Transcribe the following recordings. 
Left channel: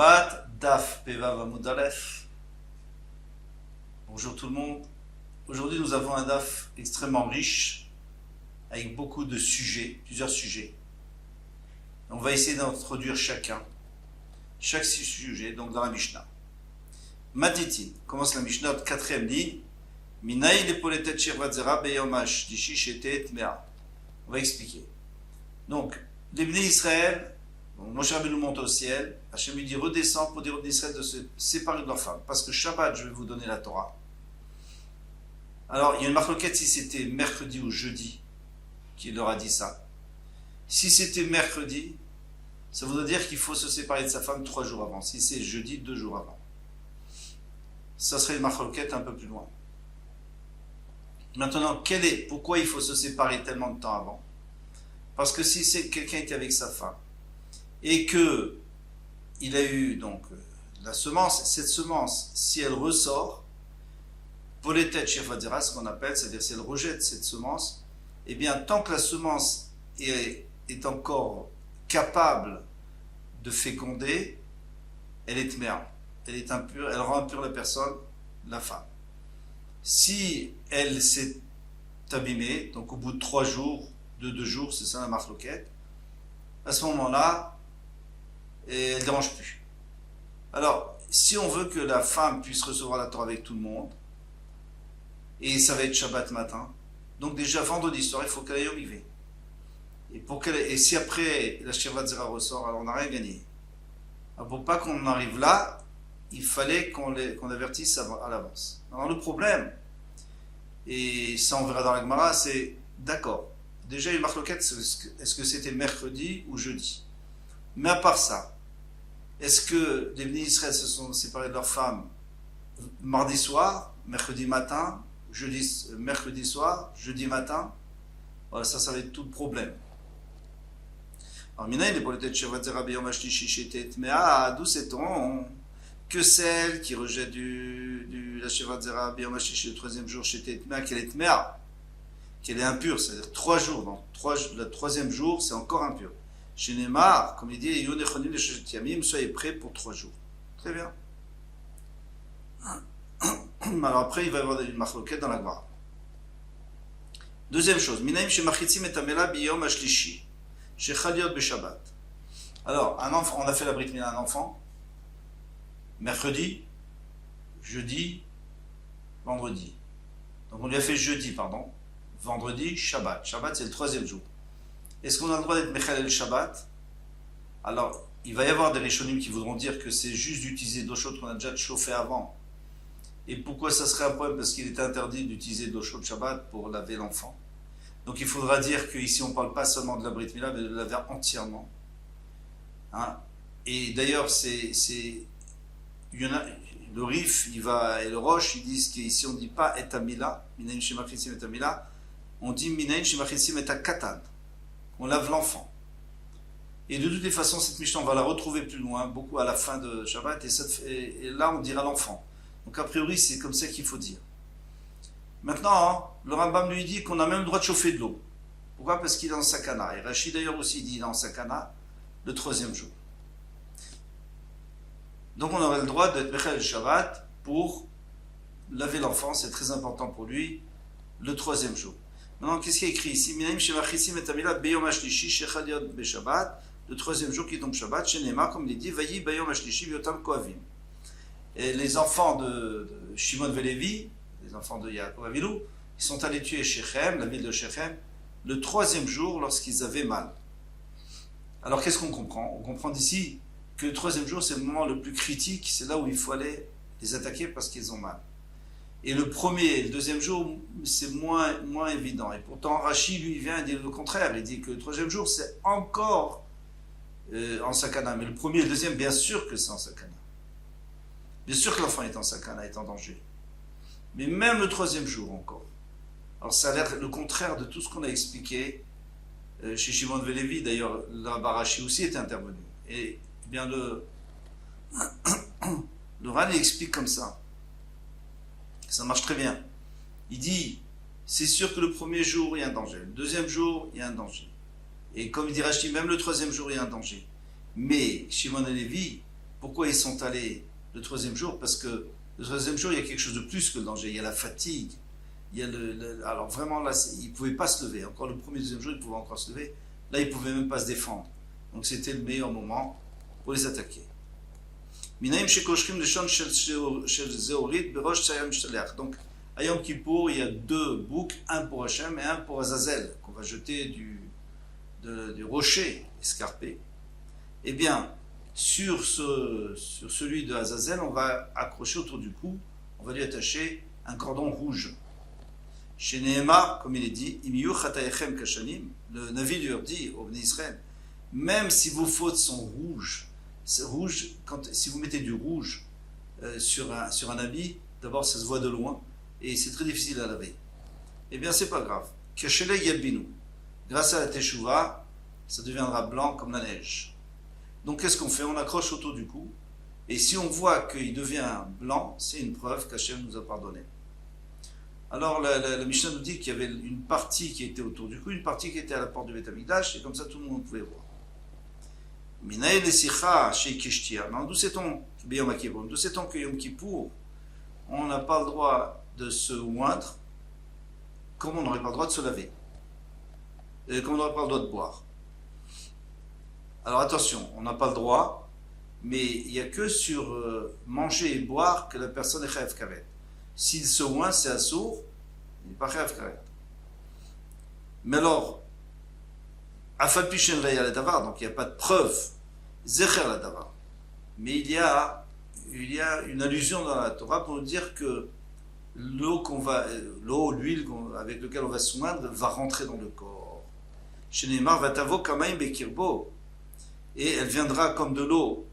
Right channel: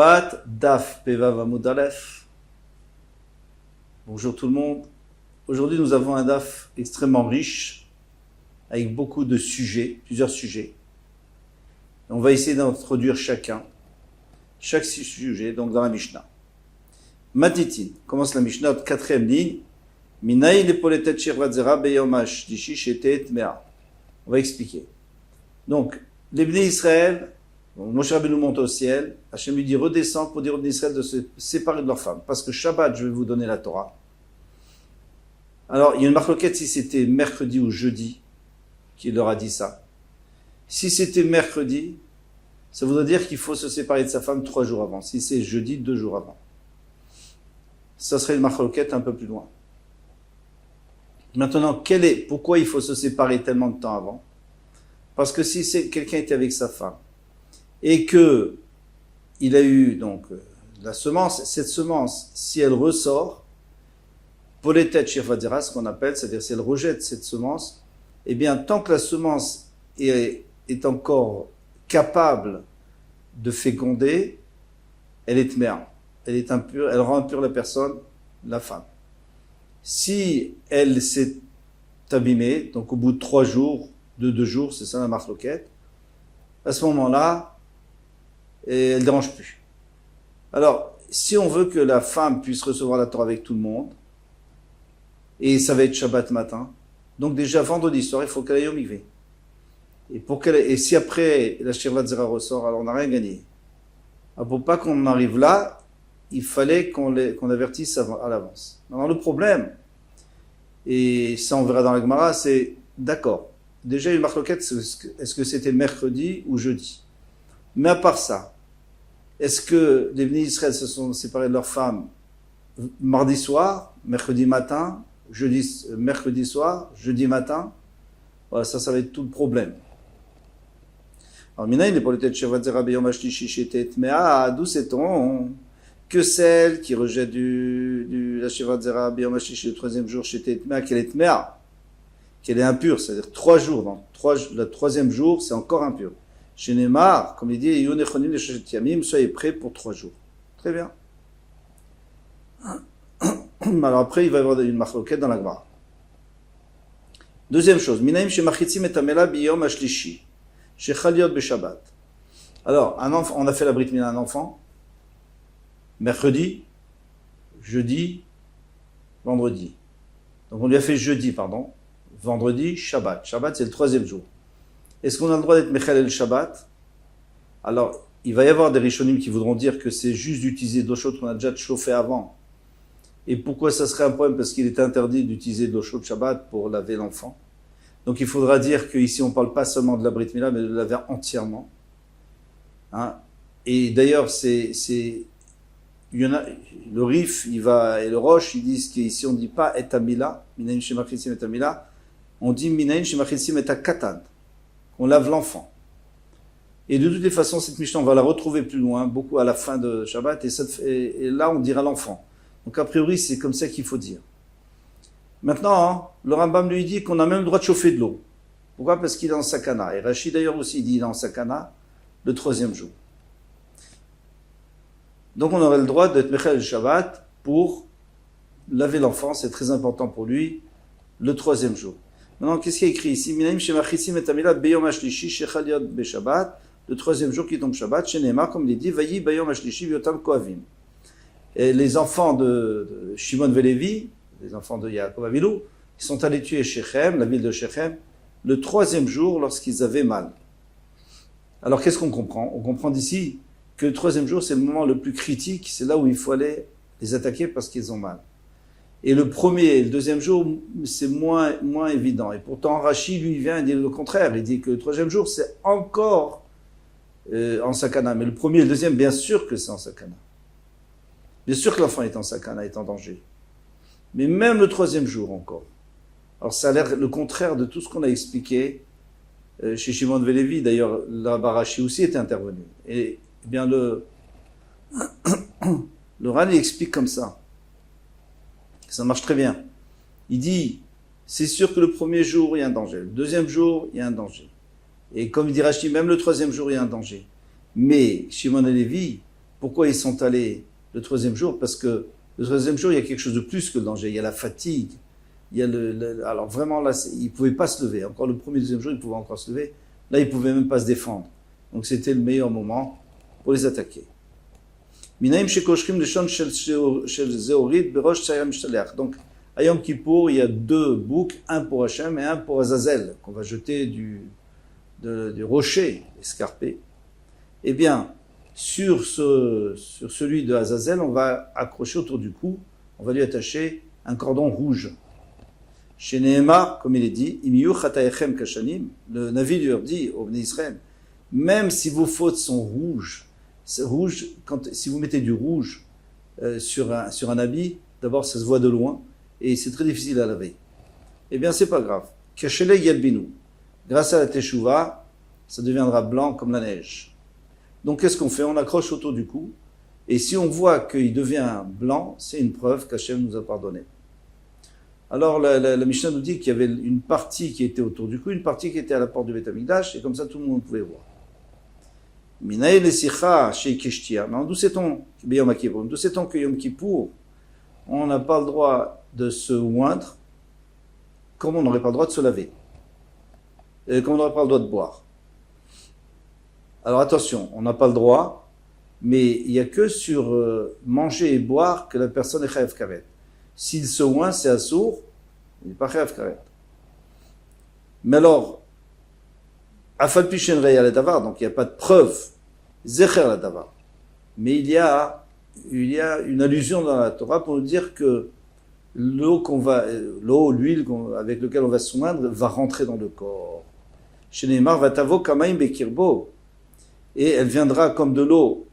Shabbat, Daf, Pevav Amud Aleph. Bonjour tout le monde. Aujourd'hui, nous avons un Daf extrêmement riche, avec beaucoup de sujets, plusieurs sujets. On va essayer d'introduire chaque sujet, donc dans la Mishnah. Matitin, commence la Mishnah, quatrième ligne. Minaï lepoletet shirvat zera beyomash dishi shetet mea. On va expliquer. Donc, les Bnei Israël, Moshe Rabbeinu monte au ciel, Hachem lui dit redescends pour dire aux Bnei Israël de se séparer de leurs femmes, parce que Shabbat, je vais vous donner la Torah. Alors, il y a une marloquette si c'était mercredi ou jeudi qui leur a dit ça. Si c'était mercredi, ça voudrait dire qu'il faut se séparer de sa femme 3 jours avant. Si c'est jeudi, 2 jours avant. Ça serait une marloquette un peu plus loin. Maintenant, pourquoi il faut se séparer tellement de temps avant? Parce que si c'est quelqu'un était avec sa femme et que il a eu donc la semence, cette semence, si elle ressort, poletet shirvadira, ce qu'on appelle, c'est-à-dire si elle rejette cette semence, eh bien tant que la semence est encore capable de féconder, elle est tmea, elle est impure, elle rend impure la personne, la femme. Si elle s'est abîmée, donc au bout de 3 jours, de 2 jours, c'est ça la marloquette, à ce moment-là, elle ne dérange plus. Alors, si on veut que la femme puisse recevoir la Torah avec tout le monde, et ça va être Shabbat matin, donc déjà vendredi soir, il faut qu'elle aille au mikvé. Et si après la Shirvat Zera ressort, alors on n'a rien gagné. Alors pour pas qu'on arrive là, il fallait qu'on avertisse à l'avance. Alors le problème, et ça on verra dans la Gemara, c'est d'accord. Déjà une marloquette, est-ce que c'était mercredi ou jeudi? Mais à part ça, est-ce que les Bnei Israël se sont séparés de leurs femmes mardi soir, mercredi matin, mercredi soir, jeudi matin? Voilà, ça va être tout le problème. Alors, Minaï, les poletet Shirvat Zera beyom hashlishi shetet mea, d'où sait-on que celle qui rejette la Shirvat Zera beyom hashlishi le 3e jour shetet mea, qu'elle est tmea, qu'elle est impure, c'est-à-dire 3 jours. Le 3e jour, c'est encore impur. Chez Neymar, comme il dit, Yonechonim le Yamim, soyez prêts pour 3 jours. Très bien. Alors après, il va y avoir une marloquette dans la Gemara. Deuxième chose, Minaim shemachitzim et amela biyom hashlishi, shechaliot beshabbat. Alors, on a fait la brit mila à un enfant, mercredi, jeudi, vendredi. Donc on lui a fait jeudi, vendredi, Shabbat. Shabbat, c'est le 3e jour. Est-ce qu'on a le droit d'être Mechal le Shabbat? Alors, il va y avoir des Rishonim qui voudront dire que c'est juste d'utiliser de l'eau chaude qu'on a déjà chauffé avant. Et pourquoi ça serait un problème? Parce qu'il est interdit d'utiliser de l'eau chaude Shabbat pour laver l'enfant. Donc il faudra dire qu'ici on ne parle pas seulement de la Brit Mila, mais de laver entièrement. Hein? Et d'ailleurs, il y en a, le Rif, et le Roche, ils disent qu'ici on ne dit pas et Amila, Minayin Shemachitzim et Amila, on dit Minayin Shemachitzim et Katan. On lave l'enfant. Et de toutes les façons, cette Mishnah, on va la retrouver plus loin, beaucoup à la fin de Shabbat, et là, on dira l'enfant. Donc, a priori, c'est comme ça qu'il faut dire. Maintenant, le Rambam lui dit qu'on a même le droit de chauffer de l'eau. Pourquoi? Parce qu'il est en sakana. Et Rachid, d'ailleurs, aussi, dit qu'il est en sakana le 3e jour. Donc, on aurait le droit d'être Mechal le Shabbat pour laver l'enfant. C'est très important pour lui, le 3e jour. Maintenant, qu'est-ce qu'il y a écrit ici? Minaim shemachitzim et amila beyom hashlishi shechaliot beshabbat, le 3e jour qui tombe Shabbat, chez Neymar, comme il est dit, vayi beyom hashlishi vyotam koavim. Et les enfants de Shimon Velevi, les enfants de Yaakov Avilu, ils sont allés tuer Shechem, la ville de Shechem, le 3e jour lorsqu'ils avaient mal. Alors qu'est-ce qu'on comprend? On comprend d'ici que le 3e jour, c'est le moment le plus critique, c'est là où il faut aller les attaquer parce qu'ils ont mal. Et le 1er et le 2e jour, c'est moins évident. Et pourtant, Rachid, lui, vient et dit le contraire. Il dit que le 3e jour, c'est encore en sakana. Mais le 1er et le 2e, bien sûr que c'est en sakana. Bien sûr que l'enfant est en sakana, est en danger. Mais même le 3e jour encore. Alors ça a l'air le contraire de tout ce qu'on a expliqué chez Shimon Velevi. D'ailleurs, là-bas, Rachid aussi était intervenu. Et bien le Ran, il explique comme ça. Ça marche très bien. Il dit, c'est sûr que le 1er jour, il y a un danger. Le 2e jour, il y a un danger. Et comme il dit Rachid, même le 3e jour, il y a un danger. Mais Shimon et Lévi, Pourquoi ils sont allés le troisième jour? Parce que le troisième jour, il y a quelque chose de plus que le danger. Il y a la fatigue. Il y a alors vraiment, là, ils ne pouvaient pas se lever. Encore le premier et deuxième jour, ils pouvaient encore se lever. Là, ils ne pouvaient même pas se défendre. Donc c'était le meilleur moment pour les attaquer. Donc, à Yom Kippour, il y a deux boucs, un pour Hachem et un pour Azazel, qu'on va jeter du rocher escarpé. Eh bien, sur celui de Azazel, on va accrocher autour du cou, on va lui attacher un cordon rouge. Chez Nehemar, comme il est dit, le Navi leur dit au Bnei Israël, même si vos fautes sont rouges, c'est rouge, si vous mettez du rouge sur un habit, d'abord ça se voit de loin et c'est très difficile à laver. Eh bien, c'est pas grave. Kachele Yalbinu, grâce à la Teshuvah, ça deviendra blanc comme la neige. Donc, qu'est-ce qu'on fait? On accroche autour du cou et si on voit qu'il devient blanc, c'est une preuve qu'Hachem nous a pardonné. Alors, la Mishnah nous dit qu'il y avait une partie qui était autour du cou, une partie qui était à la porte du Beth Amikdash, et comme ça tout le monde pouvait voir. Minaï Lesicha chez Keshtia. D'où sait-on que Yom Kippour, on n'a pas le droit de se oindre, comme on n'aurait pas le droit de se laver, comme on n'aurait pas le droit de boire. Alors attention, on n'a pas le droit, mais il n'y a que sur manger et boire que la personne est chayav karet. S'il se oint, c'est assourd, il n'est pas chayav karet. Mais alors, afal pishen reya la davar, donc il n'y a pas de preuve, zecher la davar. Mais il y a une allusion dans la Torah pour nous dire que l'eau, l'huile avec laquelle on va se oindre va rentrer dans le corps. Chez Neymar, vatavo kamaim bekirbo, et elle viendra comme de l'eau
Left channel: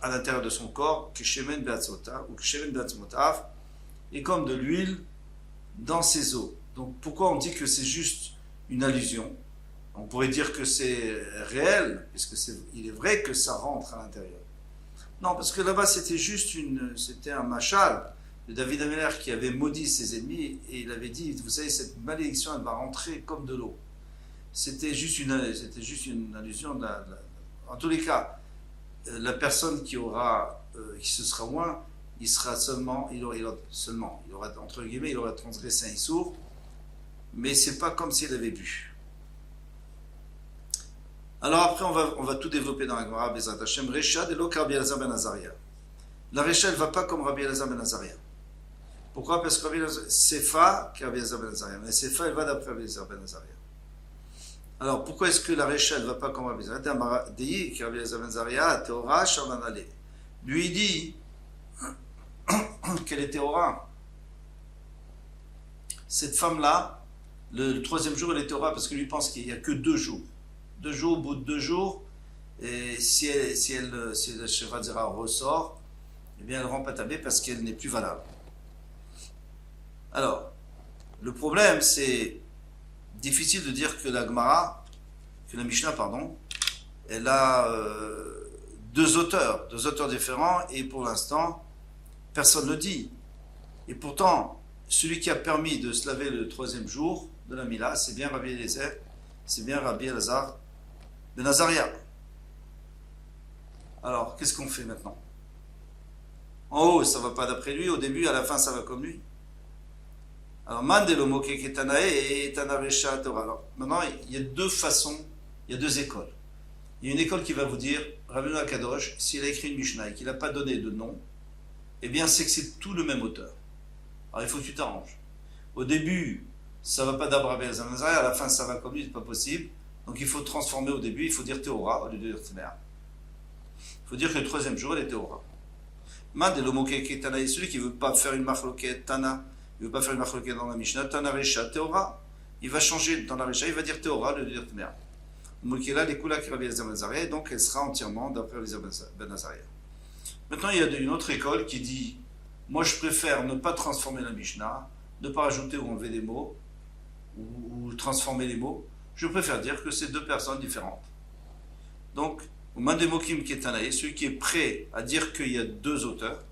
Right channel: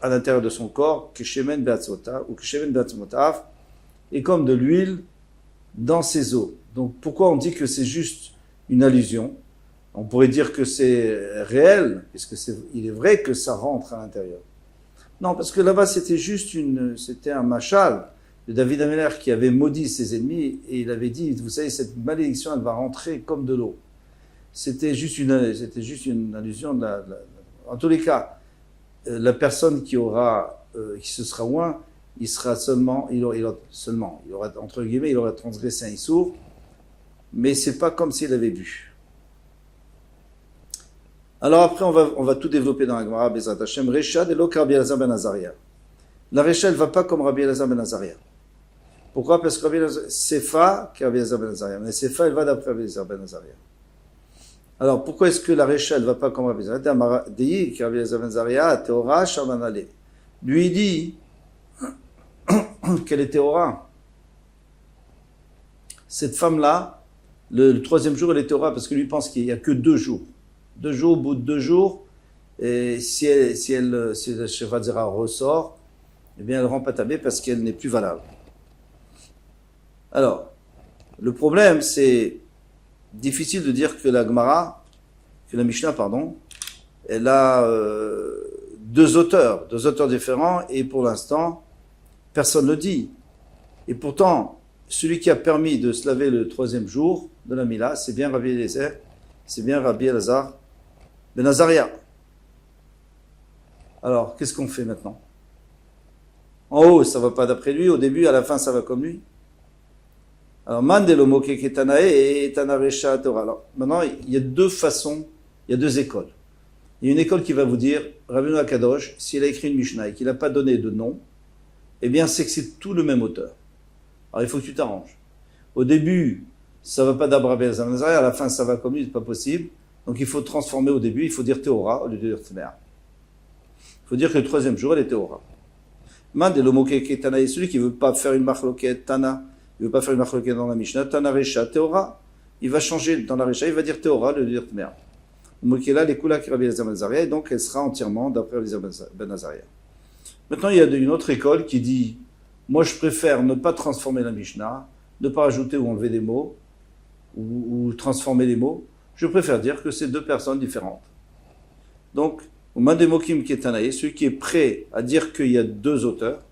à l'intérieur de son corps, keshemen beatzmotav, ou keshemen beatzmotav, et comme de l'huile dans ses os. Donc pourquoi on dit que c'est juste une allusion? On pourrait dire que c'est réel, puisque il est vrai que ça rentre à l'intérieur. Non, parce que là-bas c'était un machal de David Améler qui avait maudit ses ennemis et il avait dit, vous savez, cette malédiction, elle va rentrer comme de l'eau. C'était juste une allusion. En tous les cas, la personne qui se sera oint, il aura entre guillemets, il aura transgressé un issour, mais c'est pas comme s'il avait bu. Alors après, on va tout développer dans la Gemara, Bezrat Hashem, Recha de lo Rabbi Elazar ben Azaria. La Recha, elle va pas comme Rabbi Elazar ben Azaria. Pourquoi? Parce que Rabbi Elazar, Sefa, qui est Rabbi Elazar ben Azaria. Mais Sefa, elle va d'après Rabbi Elazar ben Azaria. Alors, pourquoi est-ce que la Recha, elle va pas comme Rabbi Elazar? Dei, qui est Rabbi Elazar ben Azaria, Teora, Shamanale. Lui, il dit qu'elle est Teora. Cette femme-là, le troisième jour, elle est Teora, parce que lui pense qu'il n'y a que 2 jours. 2 jours, au bout de 2 jours, et si le Sheva Zera ressort, eh bien elle rend patabé parce qu'elle n'est plus valable. Alors, le problème, c'est difficile de dire que la Mishnah, elle a 2 auteurs différents, et pour l'instant, personne ne le dit. Et pourtant, celui qui a permis de se laver le 3e jour de la Mila, c'est bien Rabbi Eliezer, c'est bien Rabbi Elazar ben Azaria. Alors, qu'est-ce qu'on fait maintenant? En haut, ça va pas d'après lui, au début, à la fin, ça va comme lui. Alors, Mandelo Moke Ketanae et Tanaresha Torah. Alors, maintenant, il y a 2 façons, il y a 2 écoles. Il y a une école qui va vous dire, Rabbeinu Akadosh, s'il a écrit une Mishnah et qu'il n'a pas donné de nom, eh bien, c'est que c'est tout le même auteur. Alors, il faut que tu t'arranges. Au début, ça va pas d'Abra Ben Azaria, à la fin, ça va comme lui, c'est pas possible. Donc, il faut transformer au début, il faut dire Théora au lieu de dire Tmer. Il faut dire que le 3e jour, elle est Théora. Mandelo Moke Ketanae, celui qui veut pas faire une marloquette Tana, il veut pas faire une marloquette dans la Mishnah, Tana Resha Théora, il va changer dans la Resha, il va dire Théora au lieu de dire Tmer. Mokela, les Kula qui Rabbi Elazar ben Azaria, et donc elle sera entièrement d'après Rabbi Elazar ben Azaria. Maintenant, il y a une autre école qui dit, moi je préfère ne pas transformer la Mishnah, ne pas ajouter ou enlever des mots, ou transformer les mots. Je préfère dire que c'est 2 personnes différentes. Donc, au Mandemokim Ketanaï, celui qui est prêt à dire qu'il y a 2 auteurs,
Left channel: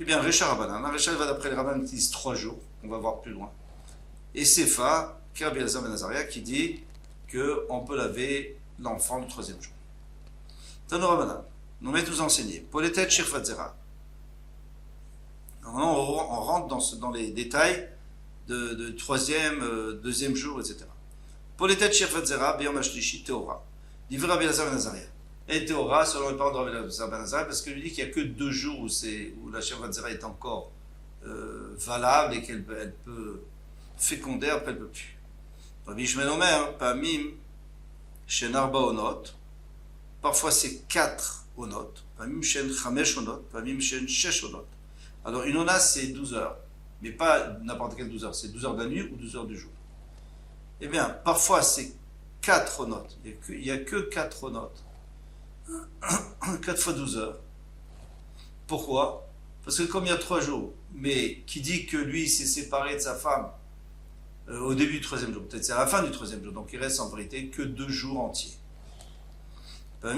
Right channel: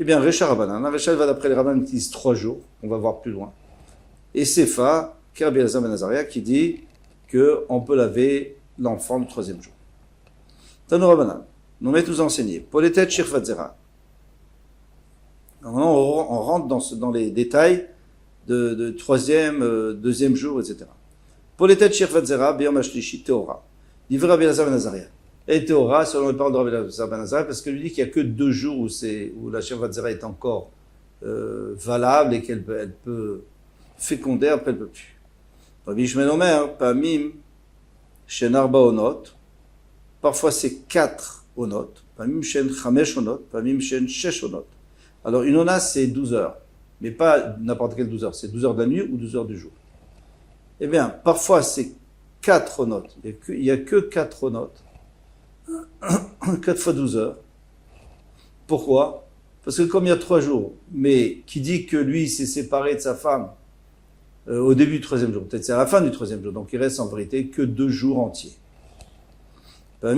eh bien, Recha Rabbanan. La Recha, elle va d'après les Rabbanan qui disent 3 jours, on va voir plus loin. Et Sefa, qui est Rabbi Elazar ben Azaria, qui dit qu'on peut laver l'enfant le 3e jour. Tano Rabbanan. Nous met tous enseigné. Poletet Shirvatzera. Maintenant, on rentre dans les détails de troisième, deuxième jour, etc. Poletet Shirvatzera, Beyom Ashlishi, Teora. Livre Rabbi Elazar ben Azariah. Et Teora, selon les paroles de Rabbi Elazar ben Azariah, parce que lui dit qu'il n'y a que 2 jours où la Shirvatzera est encore valable et qu'elle peut féconder, après elle ne peut plus. Rabbi Ishmael Omer, Pamim, Shen Arba Onot, parfois c'est 4 Onot, Pamim Shen Chamesh Onot, Pamim Shen Shesh Onot. Alors une ona c'est 12 heures, mais pas n'importe quelle 12 heures, c'est 12 heures de la nuit ou 12 heures du jour. Eh bien, parfois c'est 4 Onot, il n'y a que 4 Onot, 4 fois 12 heures. Pourquoi? Parce que comme il y a 3 jours, mais qui dit que lui s'est séparé de sa femme au début du 3e jour, peut-être c'est à la fin du 3e jour, donc il reste en vérité que 2 jours entiers. Par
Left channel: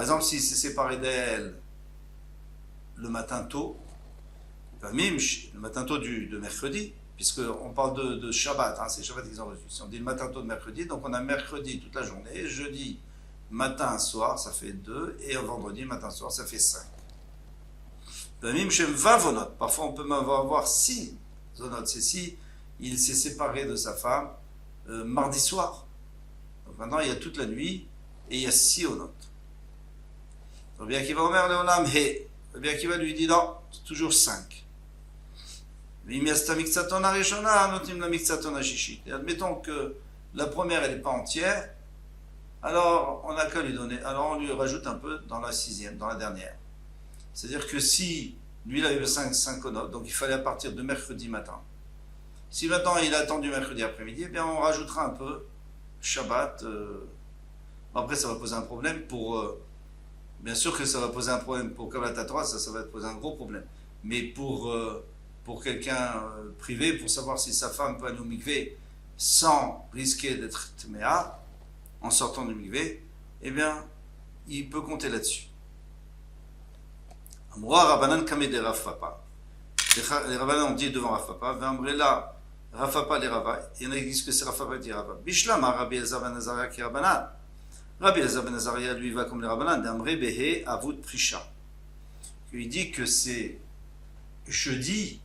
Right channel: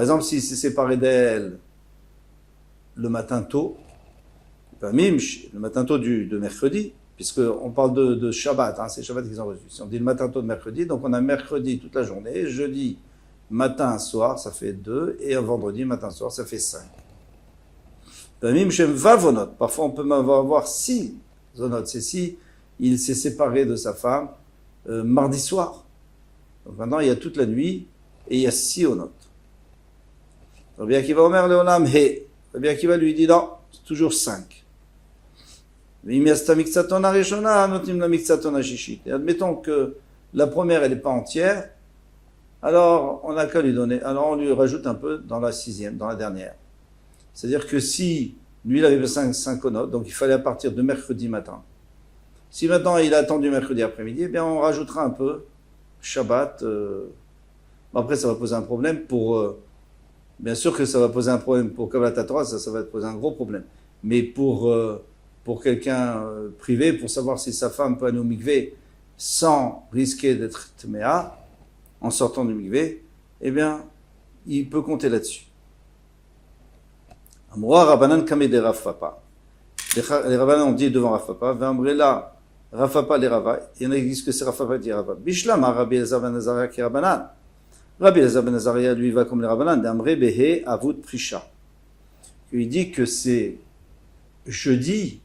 exemple, s'il s'est séparé d'elle le matin tôt, le matin tôt de mercredi, puisqu'on parle de Shabbat, hein, c'est Shabbat qu'ils ont reçu. Si on dit le matin tôt de mercredi, donc on a mercredi toute la journée, jeudi matin soir, ça fait 2, et un vendredi matin soir, ça fait 5. Parfois on peut avoir 6 zonot, c'est si il s'est séparé de sa femme mardi soir. Donc maintenant il y a toute la nuit et il y a 6 onot. Rabbi Akiva Omer Leolam He. Rabbi Akiva lui dit non, c'est toujours 5. Et admettons que la première elle n'est pas entière, alors on n'a qu'à lui donner, alors on lui rajoute un peu dans la 6e, dans la dernière. C'est-à-dire que si lui il avait 5 onot, donc il fallait à partir de mercredi matin. Si maintenant il a attendu mercredi après-midi, eh bien on rajoutera un peu Shabbat. Après ça va poser un problème pour... bien sûr que ça va poser un problème pour Kabbalat Torah, ça va poser un gros problème. Mais pour quelqu'un privé, pour savoir si sa femme peut aller au mikvé sans risquer d'être tméa, en sortant du mikvé, eh bien il peut compter là-dessus. Amroa Rabbanan Kamede Rav Papa. Les Rabbanan ont dit devant Rav Papa, V'amrela Rav Papa les Rava, il y en a qui disent que c'est Rav Papa qui dit Rav Papa. Bishlam Rabbi Elazar ben Azariah qui Rabbanan. Rabbi Elazar ben Azariah lui va comme les Rabbanan, d'Amre Behe Avut Prisha. Il dit que c'est jeudi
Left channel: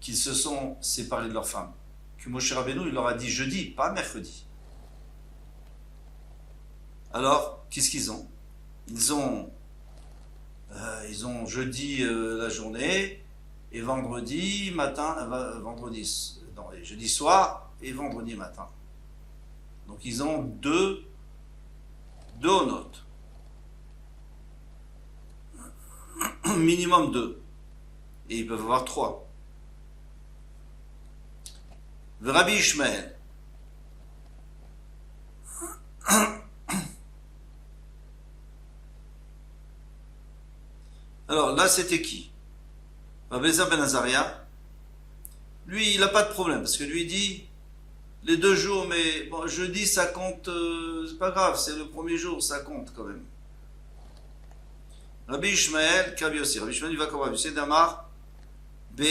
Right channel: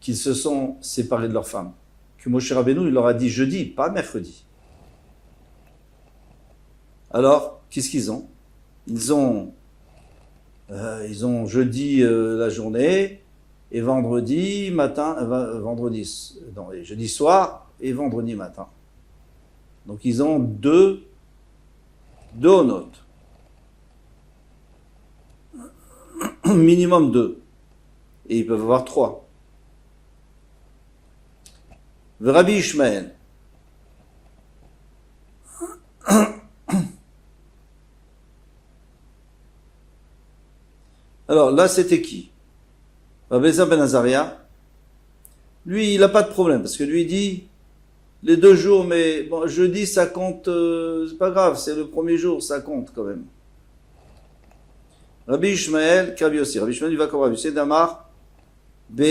qu'ils se sont séparés de leur femme. Que Moshe Rabbeinu il leur a dit jeudi, pas mercredi. Alors, qu'est-ce qu'ils ont? Ils ont jeudi la journée et vendredi matin, jeudi soir et vendredi matin. Donc ils ont deux notes. Minimum 2. Et ils peuvent avoir 3. Rabbi Ishmael. Alors là, c'était qui? Rabbi Elazar ben Azariah. Lui, il n'a pas de problème, parce que lui il dit, les 2 jours, mais bon, jeudi, ça compte, c'est pas grave, c'est le premier jour, ça compte quand même. Rabbi Ishmael, Kabi aussi. Rabbi Ishmael, il va comme Rabbi Yossi Damar, B.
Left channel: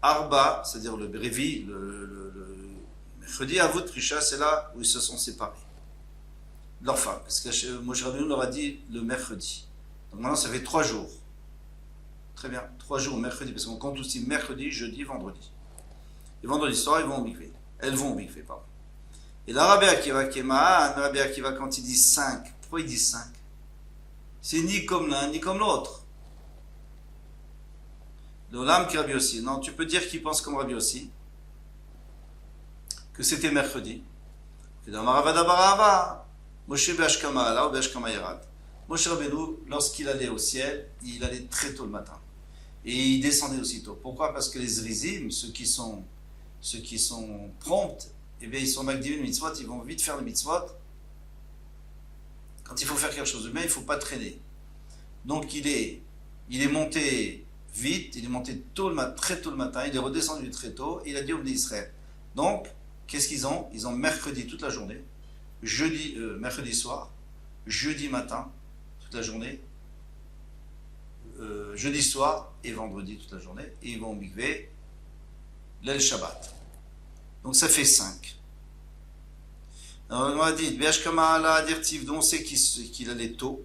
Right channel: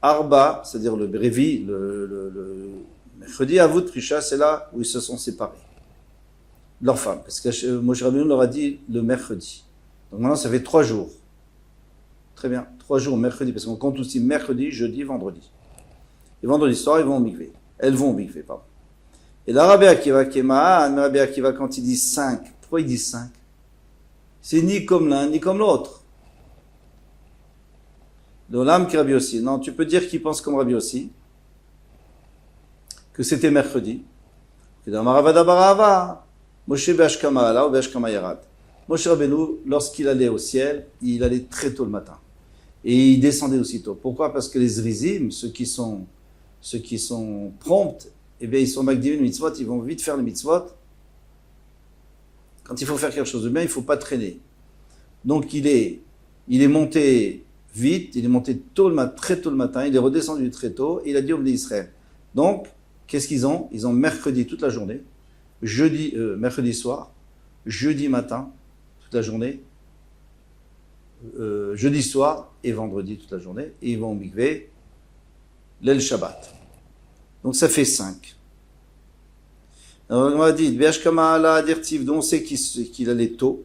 Arba, c'est-à-dire le Révi, le mercredi, Avut Prisha, c'est là où ils se sont séparés. Leur femme, parce que Moshe Rabbeinu leur a dit le mercredi. Donc maintenant, ça fait 3 jours. Très bien, 3 jours mercredi, parce qu'on compte aussi mercredi, jeudi, vendredi. Et vendredi soir, ils vont au mikvé. Elles vont au mikvé, pardon. Et là, Rabbi Akiva Kemaan, Rabbi Akiva, quand il dit 5, pourquoi il dit 5? C'est ni comme l'un, ni comme l'autre. L'Olam qui Rabbi Yossi. Non, tu peux dire qu'il pense comme Rabbi Yossi, que c'était mercredi. Moshe Be'ashkama Ala ou Be'ashkama Yarad. Moshe Rabbeinu, lorsqu'il allait au ciel, il allait très tôt le matin. Et il descendait aussitôt. Pourquoi? Parce que les Zrizim, ceux qui sont prompts, eh bien, ils sont Magdivin mitzvot, ils vont vite faire les mitzvot. Quand il faut faire quelque chose de bien, il ne faut pas traîner. Donc il est monté vite, il est monté très tôt le matin, il est redescendu très tôt, et il a dit au Bnei Israël. Donc, qu'est-ce qu'ils ont? Ils ont mercredi toute la journée, mercredi soir, jeudi matin, toute la journée, jeudi soir et vendredi toute la journée, et ils vont au mikvé, l'El Shabbat. Donc ça fait 5. Alors on m'a dit, dont on sait qu'il allait tôt,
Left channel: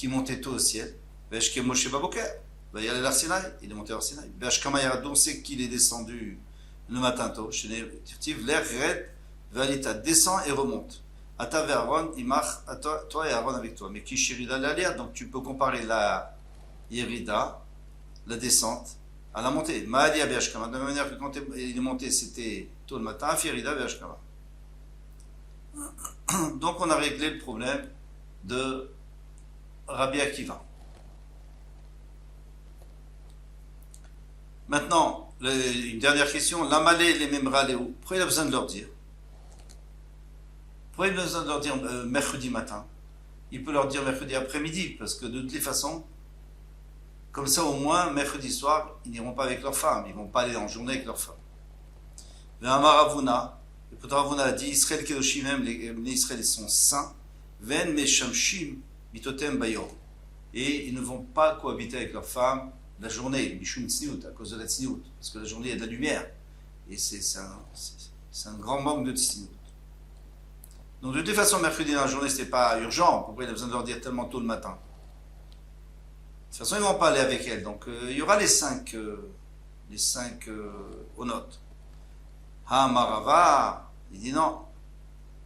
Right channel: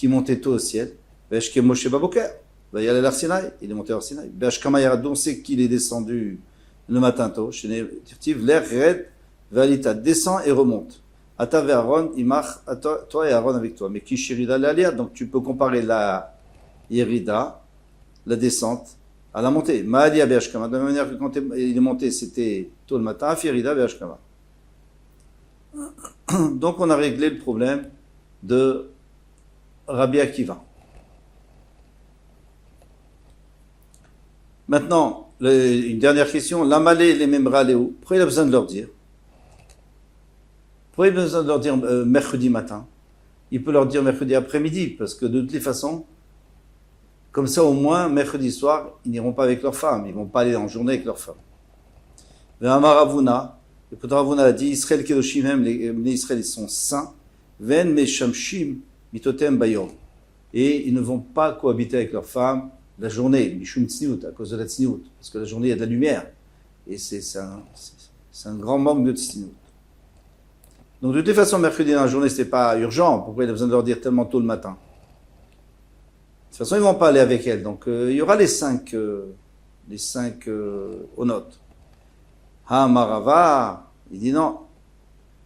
qui montait tôt au ciel. Vesh ke Moshe Baboker. Il est allé à Sinaï, il est monté à Sinaï. Vesh Kama Yarad, on sait qu'il est descendu le matin tôt. Chez Tirtiv, l'air red, Valita descend et remonte. Ata ve Aaron, Imach, toi et Aaron avec toi. Mais qui Shirida l'Alia, donc tu peux comparer la Yerida, la descente, à la montée. Maalia Beashkama, de la même manière que quand il est monté, c'était tôt le matin, Firida Beashkama. Donc on a réglé le problème de Rabbi Akiva. Maintenant, une dernière question. L'amalé les memra léou. Pourquoi il a besoin de leur dire? Pourquoi il a besoin de leur dire mercredi matin? Il peut leur dire mercredi après-midi, parce que de toutes les façons, comme ça au moins, mercredi soir, ils n'iront pas avec leurs femmes, ils ne vont pas aller en journée avec leurs femmes. Ve'amaravuna, et pourtant Ravuna a dit, Israël kedoshim hem, les Israël ils sont saints, ven meshamshim mitotem bayom. Et ils ne vont pas cohabiter avec leurs femmes la journée, mishum tsniout, à cause de la tsniout, parce que la journée il y a de la lumière, et c'est un grand manque de tsniout. Donc de toute façon, mercredi dans la journée, c'était pas urgent, pourquoi il a besoin de leur dire tellement tôt le matin? De toute façon, ils ne vont pas aller avec elle, donc il y aura les cinq onotes. Ha Marava, il dit non.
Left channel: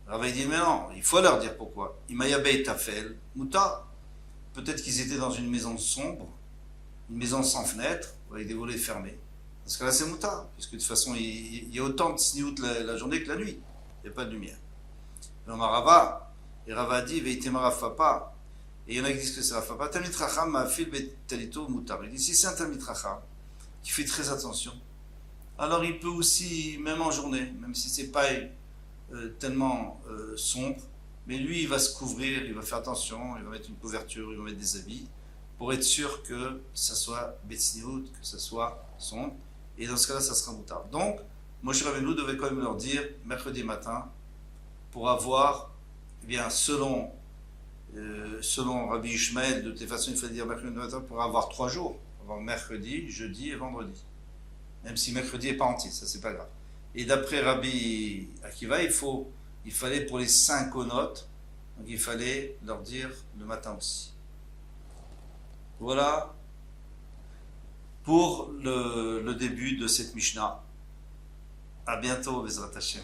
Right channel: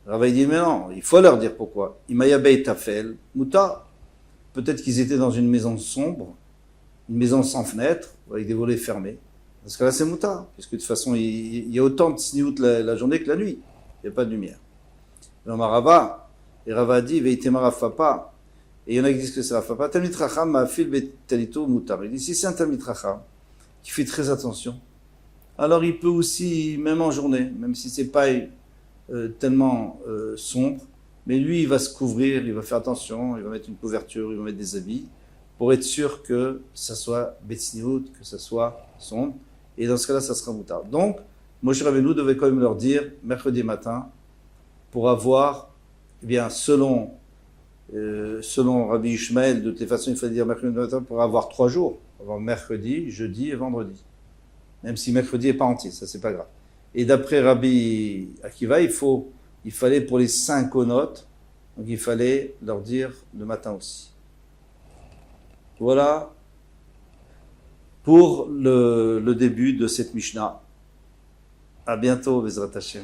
Rava il dit mais non, il faut leur dire pourquoi. Imayabei Tafel, Muta, peut-être qu'ils étaient dans une maison sombre, une maison sans fenêtre, avec des volets fermés. Parce que là c'est Muta, puisque de toute façon il y a autant de sniout la journée que la nuit. Il n'y a pas de lumière. Alors Marava, et Rava dit Veitema Rafapa, et il y en a qui disent que c'est Rafapa, Talmid Racham Ma'afil Betalito Mutar. Il dit si c'est un Talmid Racham qui fait très attention, alors il peut aussi, même en journée, même si c'est pas tellement sombre, mais lui il va se couvrir, il va faire attention, il va mettre une couverture, il va mettre des habits, pour être sûr que ça soit Betsniout, que ça soit sombre, et dans ce cas-là ça sera Mutar. Donc, Moshe Rabbeinu devait quand même leur dire, mercredi matin, pour avoir, eh bien, selon Rabbi Ishmael, de toute façon il fallait dire mercredi matin pour avoir 3 jours, avoir mercredi, jeudi et vendredi. Même si mercredi n'est pas entier, ça c'est pas grave. Et d'après Rabbi Akiva, il fallait pour les 5 onotes, donc il fallait leur dire le matin aussi. Voilà pour le début de cette Mishnah. À bientôt, Bezrat Hashem.